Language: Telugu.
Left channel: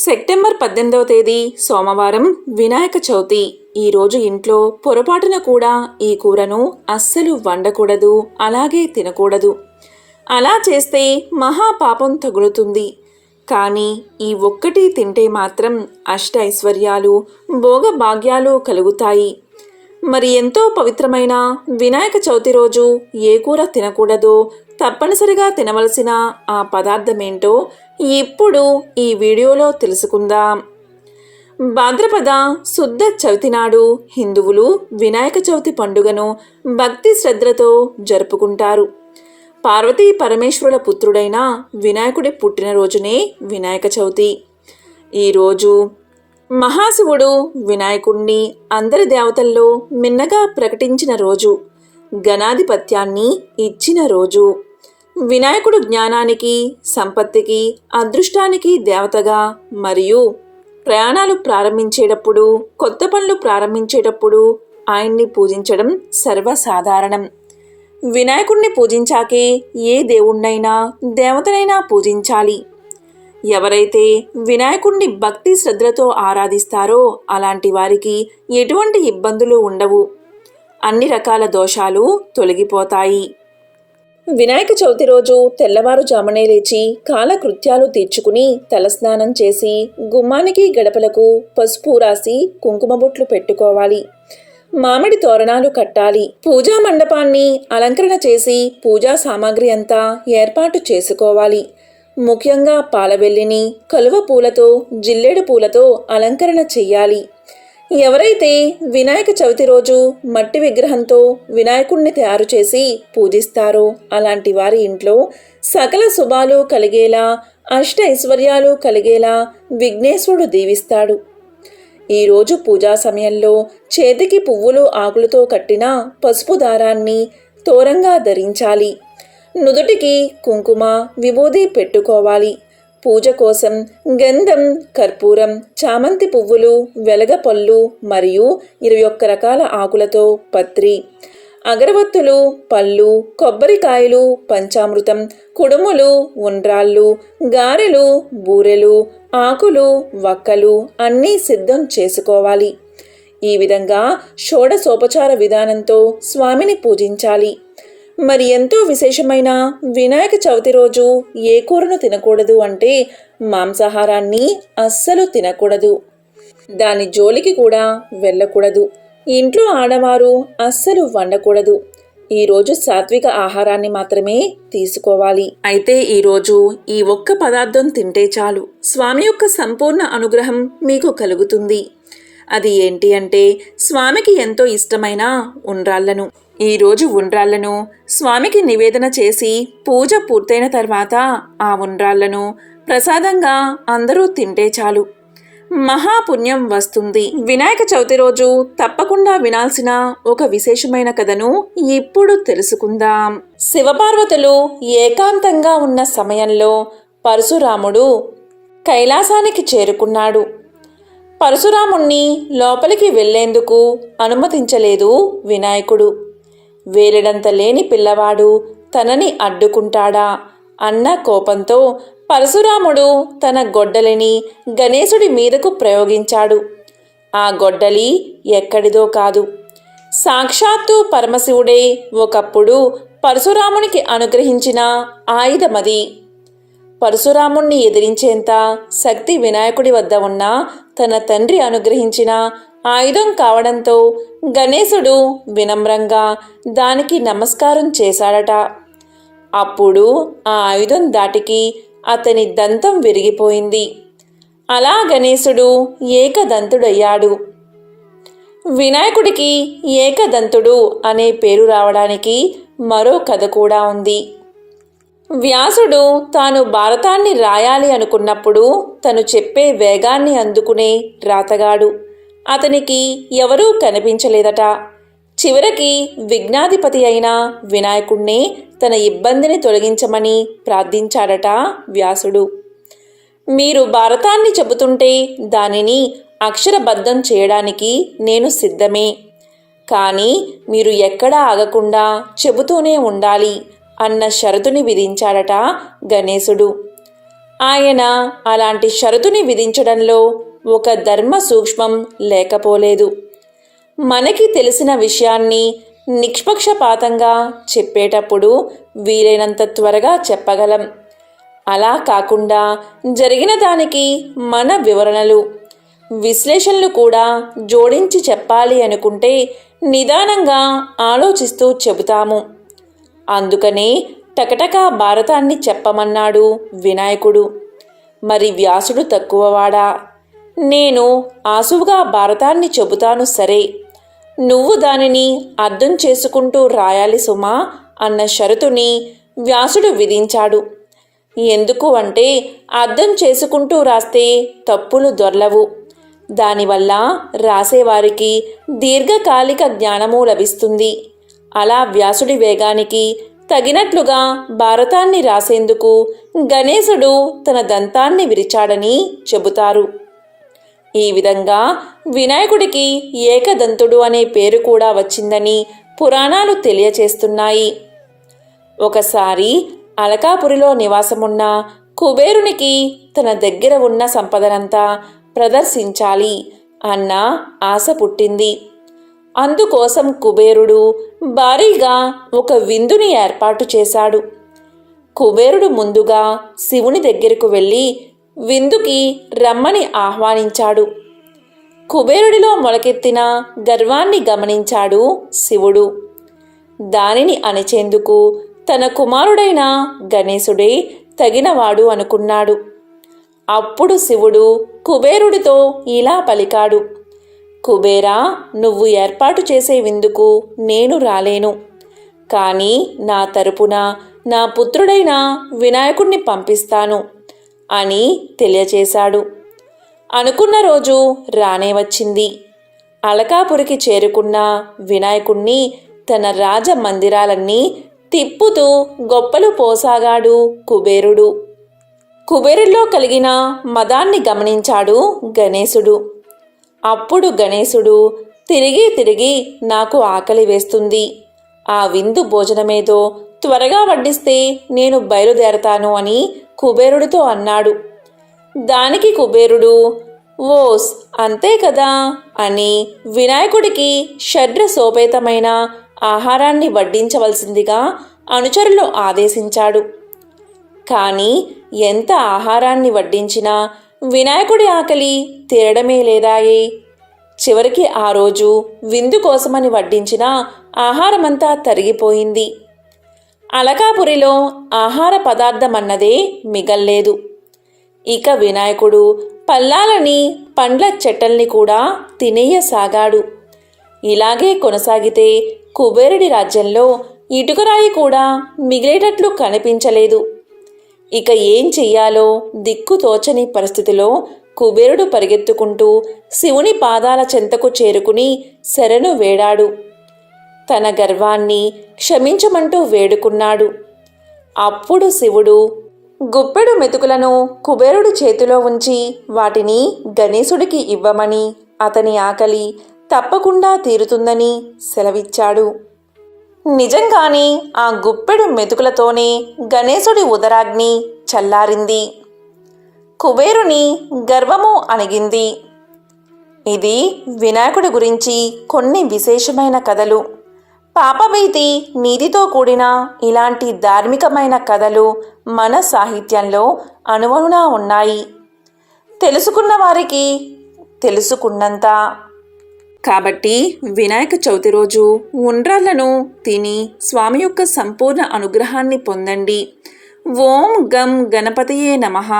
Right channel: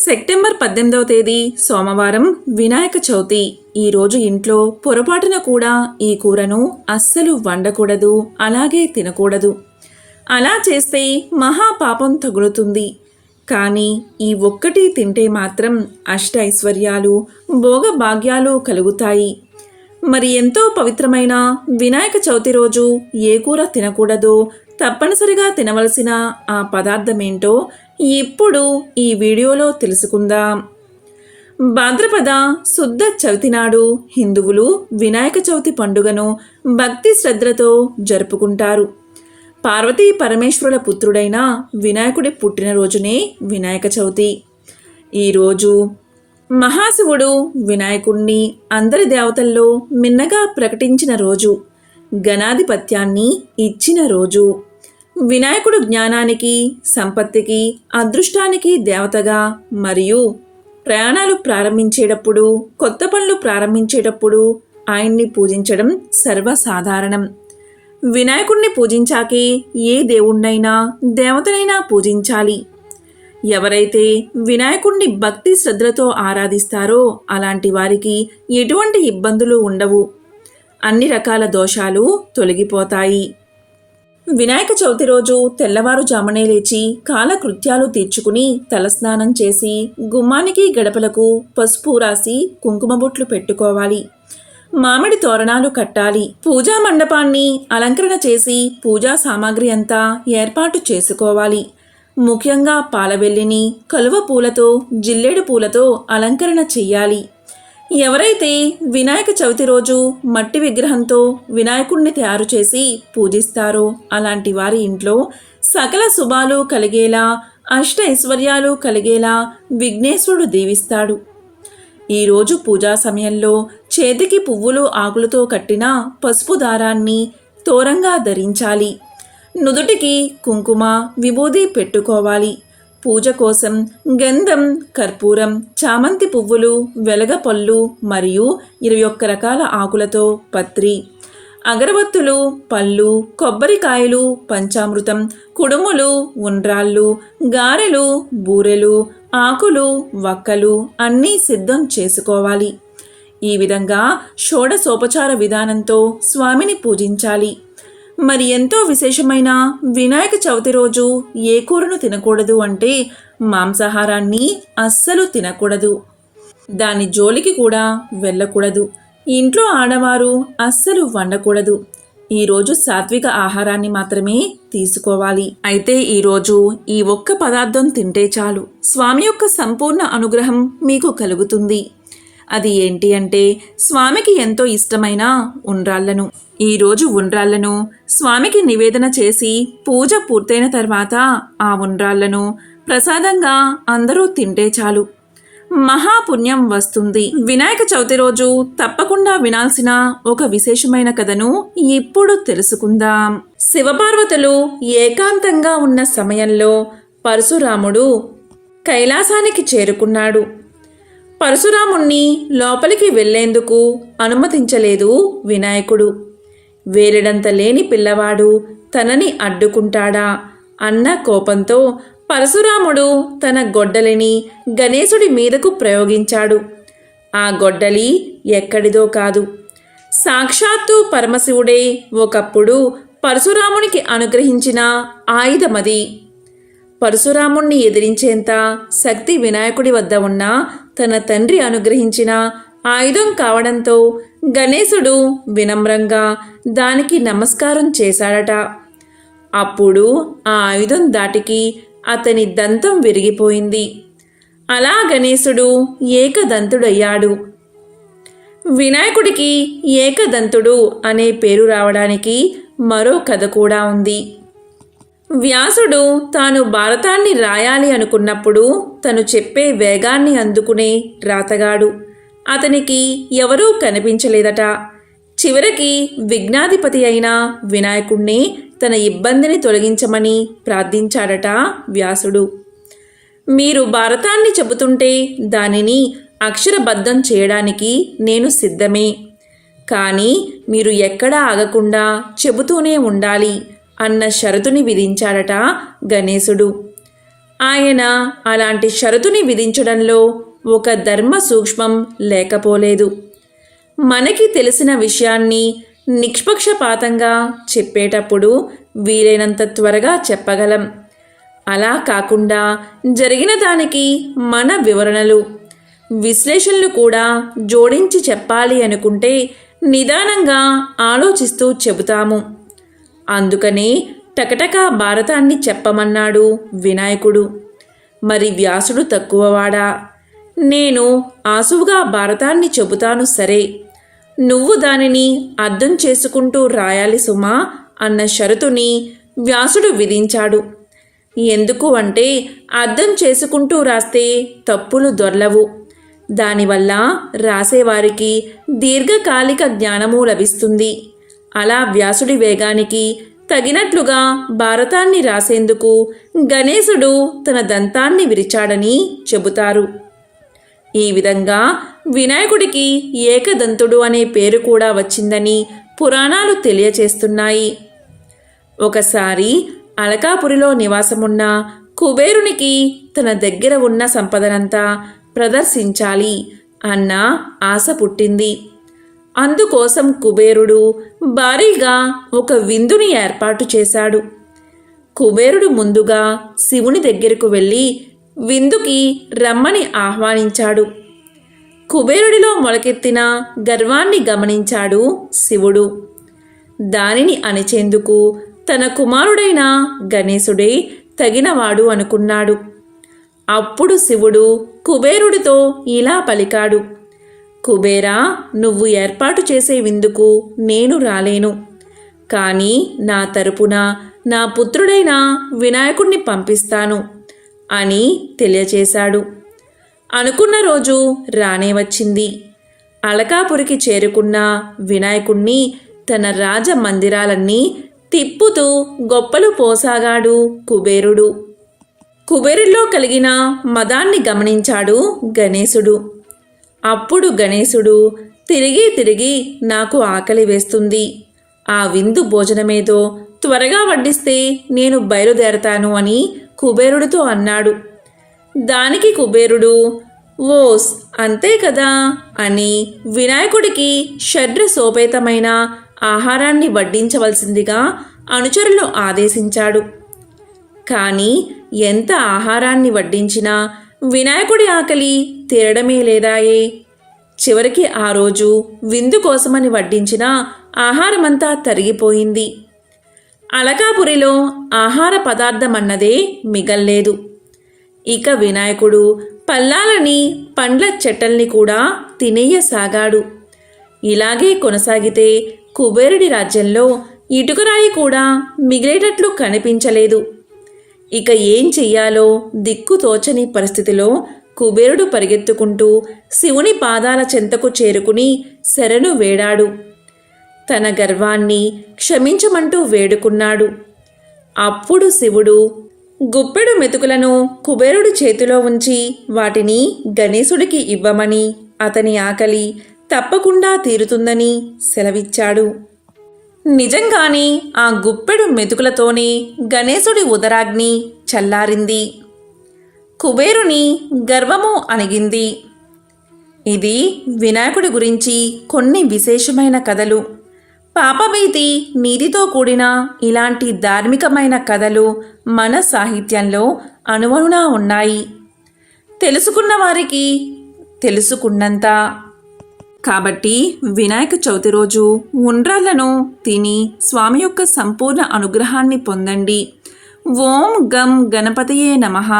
సెప్టెంబర్ 18వ తేదీ సోమవారం వినాయక చవితి. ఈరోజు ఇంట్లో పొరపాటున కూడా ఈ కూరను అస్సలు వండకూడదు, అలాగే తినకూడదు. అలా చేస్తే మహాపాపం తగులుతుంది. కానీ ఈ ఒక్కటి తింటే మాత్రం అష్ట ఐశ్వర్యాలు, భోగభాగ్యాలు కలుగుతాయి. మరి ఎంతో పవిత్రమైన వినాయక చవితి రోజు ఏ కూర తినకూడదో, తప్పనిసరిగా తినవలసిన ఆ పదార్థమేంటో ఇప్పుడు ఈ వీడియోలో తెలుసుకుందాం. భాద్రపద శుద్ధ చవితి నాడు హిందువులు వినాయక చవితి పండుగను భక్తి శ్రద్ధలతో జరుపుకుంటారు. పార్వతీ పరమేశ్వరుల పుత్రుడైన వినాయకుడి పుట్టినరోజునే వినాయక చవితి. ఈరోజు మహాశివుడు వినాయకుణ్ణి అందరి దేవతల్లో మిన్నగా ప్రకటించిన రోజు, గణాధిపత్యాన్ని ఇచ్చిన రోజు. వినాయకుడు జ్ఞానానికి, సంపత్తికి, అదృష్టానికి దేవతగా మరియు ప్రయాణాలు ప్రారంభించేటప్పుడు, కొత్త పనులు ప్రారంభించేటప్పుడు ఆయన్ని పూజించడం సర్వసాధారణం. వినాయకుడిని పూజించాకే ఏ దేవుణ్ణైనా దేవతనైనా పూజించాలి. ఎవరైతే వినాయకుడిని భక్తి శ్రద్ధలతో ఆరాధిస్తారో అలాంటి వారికి ఎటువంటి ఇబ్బందులు ఉండవు. అన్ని రకాల దోషాలు తొలగిపోతాయి. వినాయక చవితి రోజు తెల్లవారుజామునే లేచి కాలకృత్యాలు తీర్చుకుని తలస్నానం చేసి గుమ్మానికి గడపలకు పసుపు రాసి కుంకుమ బొట్లు పెట్టుకోవాలి. మామిడి తోరణాలు కట్టాలి. పూజా మండపాన్ని అలంకరణ చేసి పూజా సామాగ్రి అంతా ఏర్పాటు చేసుకోవాలి. ముఖ్యంగా పాలవెల్లిని కలువ పూలతో, జిల్లేడు పూలతో అలంకరణ చెయ్యాలి. ఎవరైతే వినాయక చవితి రోజు మట్టి విగ్రహంతో వినాయకుడిని తయారు చేసి పూజిస్తారో అలాంటి వారి ఇంట్లో సకల శుభాలు కలిగేలా, అష్ట ఐశ్వర్యాలు కలిగేలా విఘ్నేశ్వరుడు దీవిస్తాడు. ఈరోజు పూజా సమయంలో చేతికి పువ్వులు, ఆకులతో కట్టిన పసుపు దారాన్ని తోరంగా ధరించాలి. నుదుటికి కుంకుమ, విభూది పెట్టుకోవాలి. పూజ కోసం గంధం, కర్పూరం, చామంతి పువ్వులు, వెలగపళ్ళు మరియు 21 రకాల ఆకులతో పత్రి, అగరవత్తులు, పళ్ళు, కొబ్బరికాయలు, పంచామృతం, కుడుములు, ఉండ్రాళ్ళు, గారెలు, బూరెలు, ఆకులు, వక్కలు అన్నీ సిద్ధం చేసుకోవాలి. ఈ విధంగా షోడశోపచార విధానంతో స్వామిని పూజించాలి. మరి ఎంతో విశేషమైన వినాయక చవితి రోజు ఏ కూరను తినకూడదు అంటే మాంసాహారాన్ని అస్సలు తినకూడదు. దాని జోలికి కూడా వెళ్ళకూడదు. ఇంట్లో ఆడవారు అస్సలు వండకూడదు. ఈరోజు సాత్విక ఆహారాన్ని మాత్రమే తీసుకోవాలి. అయితే ఈరోజు ఈ ఒక్క పదార్థం తింటే చాలు, స్వామి యొక్క సంపూర్ణ అనుగ్రహం మీకు కలుగుతుంది. అది ఏంటి అంటే స్వామికి ఎంతో ఇష్టమైన ఉండ్రాళ్లను. ఈరోజు ఉండ్రాళ్లను స్వామికి నివేదన చేసి పూజ పూర్తయిన తర్వాత ఆ ఉండ్రాళ్లను ప్రసాదంగా అందరూ తింటే చాలు, మహాపుణ్యం వస్తుంది. వినాయక చవితి రోజు తప్పకుండా వినాల్సిన ఒక విశేషమైన కథను ఇప్పుడు తెలుసుకుందాం. శివపార్వతులు ఏకాంతంగా ఉన్న సమయంలో పరశురాముడు కైలాసానికి చేరుకున్నాడు. పరశురాముణ్ణి లోపలికి వెళ్లేందుకు అనుమతించలేదు వినాయకుడు. వేలెడంత లేని పిల్లవాడు తనని అడ్డుకుంటాడా అన్న కోపంతో పరశురాముడు తన గొడ్డలిని గణేశుడి మీదకు ప్రయోగించాడు. ఆ గొడ్డలి ఎక్కడిదో కాదు, సాక్షాత్తు పరమశివుడే ఒకప్పుడు పరశురామునికి అనుగ్రహించిన ఆయుధమది. పరశురాముణ్ణి ఎదిరించేంత శక్తి వినాయకుడి వద్ద ఉన్న తన తండ్రి అనుగ్రహించిన ఆయుధం కావడంతో గణేశుడు వినమ్రంగా దానికి నమస్కారం చేశాడట. అప్పుడు ఆ ఆయుధం దాటికి అతని దంతం విరిగిపోయింది. అలా గణేశుడు ఏకదంతుడయ్యాడు. వినాయకుడికి ఏకదంతుడు అనే పేరు రావడానికి మరో కథ కూడా ఉంది. వ్యాసుడు తాను భారతాన్ని రాయాలి అనుకున్నప్పుడు తను చెప్పే వేగాన్ని అందుకునే రాతగాడు అతనికి ఎవరూ కనిపించలేదట. చివరికి విఘ్నాధిపతి అయిన వినాయకుణ్ణి తన ఇబ్బందిని తొలగించమని ప్రార్థించాడట వ్యాసుడు. మీరు భారతాన్ని చెబుతుంటే దానిని అక్షరబద్ధం చేయడానికి నేను సిద్ధమే, కానీ మీరు ఎక్కడా ఆగకుండా చెబుతూనే ఉండాలి అన్న షరతుని విధించాడట గణేశుడు. ఆయన అలాంటి షరతుని విధించడంలో ఒక ధర్మ సూక్ష్మం లేకపోలేదు. మనకి తెలిసిన విషయాన్ని నిష్పక్షపాతంగా చెప్పేటప్పుడు వీలైనంత త్వరగా చెప్పగలం. అలా కాకుండా జరిగిన దానికి మన వివరణలు, విశ్లేషణలు కూడా జోడించి చెప్పాలి అనుకుంటే నిదానంగా ఆలోచిస్తూ చెబుతాము. అందుకనే టకటకా భారతాన్ని చెప్పమన్నాడు వినాయకుడు. మరి వ్యాసుడు తక్కువవాడా? నేను ఆసువుగా భారతాన్ని చెబుతాను సరే, నువ్వు దానిని అర్థం చేసుకుంటూ రాయాలి సుమా అన్న షరతుని వ్యాసుడు విధించాడు. ఎందుకు అంటే అర్థం చేసుకుంటూ రాస్తే తప్పులు దొర్లవు. దానివల్ల రాసేవారికి దీర్ఘకాలిక జ్ఞానము లభిస్తుంది. అలా వ్యాసుడి వేగానికి తగినట్లుగా భారతాన్ని రాసేందుకు గణేశుడు తన దంతాన్ని విరిచాడని చెబుతారు. ఈ విధంగా వినాయకుడికి ఏకదంతుడు అనే పేరు కూడా వచ్చిందని పురాణాలు తెలియచేస్తున్నాయి. ఒకసారి అలకాపురిలో నివాసమున్న కుబేరునికి తన దగ్గర ఉన్న సంపదనంతా ప్రదర్శించాలి అన్న ఆశ పుట్టింది. అందుకోసం కుబేరుడు భారీగా ఒక విందుని ఏర్పాటు చేశాడు. కుబేరుడు ముందుగా శివుని దగ్గరకు వెళ్ళి విందుకి రమ్మని ఆహ్వానించాడు. కుబేరుడిలో మొలకెత్తిన గర్వాన్ని గమనించాడు శివుడు. దానిని అణచేందుకు తన కుమారుడైన గణేశుడే తగినవాడు అనుకున్నాడు. అప్పుడు శివుడు కుబేరుడితో ఇలా పలికాడు: కుబేరా, నువ్వు ఏర్పాటు చేసే విందుకు నేను రాలేను. కానీ నా తరపున నా పుత్రుడైన వినాయకుణ్ణి పంపిస్తాను అని తెలియచేశాడు. అనుకున్న రోజు రానే వచ్చింది. అలకాపురికి చేరుకున్న వినాయకుణ్ణి తన రాజమందిరాలన్నీ తిప్పుతూ గొప్పలు పోసాగాడు కుబేరుడు. కుబేరులో కలిగిన మదాన్ని గమనించాడు గణేశుడు. అప్పుడు గణేశుడు తిరిగి నాకు ఆకలి వేస్తుంది, ఆ విందు భోజనమేదో త్వరగా వడ్డిస్తే నేను బయలుదేరతాను అని కుబేరుడితో అన్నాడు. దానికి కుబేరుడు ఓస్ అంతే కదా అని వినాయకుడికి షడ్రసోపేతమైన ఆహారాన్ని వడ్డించవలసిందిగా అనుచరులు ఆదేశించాడు. కానీ ఎంత ఆహారాన్ని వడ్డించినా వినాయకుడి ఆకలి తీరడమే లేదాయే. చివరికి ఆ రోజు విందు కోసమని వడ్డించిన ఆహారమంతా తరిగిపోయింది. అలకాపురిలో ఆహార పదార్థమన్నదే మిగల్లేదు. ఇక వినాయకుడు పల్లాలని, పండ్ల చెట్టల్ని కూడా తినేయసాగాడు. ఇలాగే కొనసాగితే కుబేరుడి రాజ్యంలో ఇటుకరాయి కూడా మిగిలేటట్లు కనిపించలేదు. ఇక ఏం చెయ్యాలో దిక్కుతోచని పరిస్థితిలో కుబేరుడు పరిగెత్తుకుంటూ శివుని పాదాల చెంతకు చేరుకుని శరణు వేడాడు. తన గర్వాన్ని క్షమించమంటూ వేడుకున్నాడు. అప్పుడు శివుడు గుప్పెడు మెతుకులను కుబేరుడి చేతిలో ఉంచి వాటిని గణేశుడికి ఇవ్వమని, అతని ఆకలి తప్పకుండా తీరుతుందని సెలవిచ్చాడు. నిజంగానే ఆ గుప్పెడు మెతుకులతోనే గణేశుడి ఉదరాగ్ని చల్లారింది. కుబేరుని గర్వము అణిగింది. ఇది వినాయకుడి గురించి కొన్ని విశేషమైన కథలు. పాపభీతి, నీతితో కూడిన ఇలాంటి ధార్మికమైన కథలు మన సాహిత్యంలో అణువణునా ఉన్నాయి. తెలుసుకున్న వారికి తెలుసుకున్నంత. కాబట్టి వినాయక చవితి రోజు ఉండ్రాళ్లను తిని స్వామి యొక్క సంపూర్ణ అనుగ్రహాన్ని పొందండి. ఓం గం గణపతయే నమః.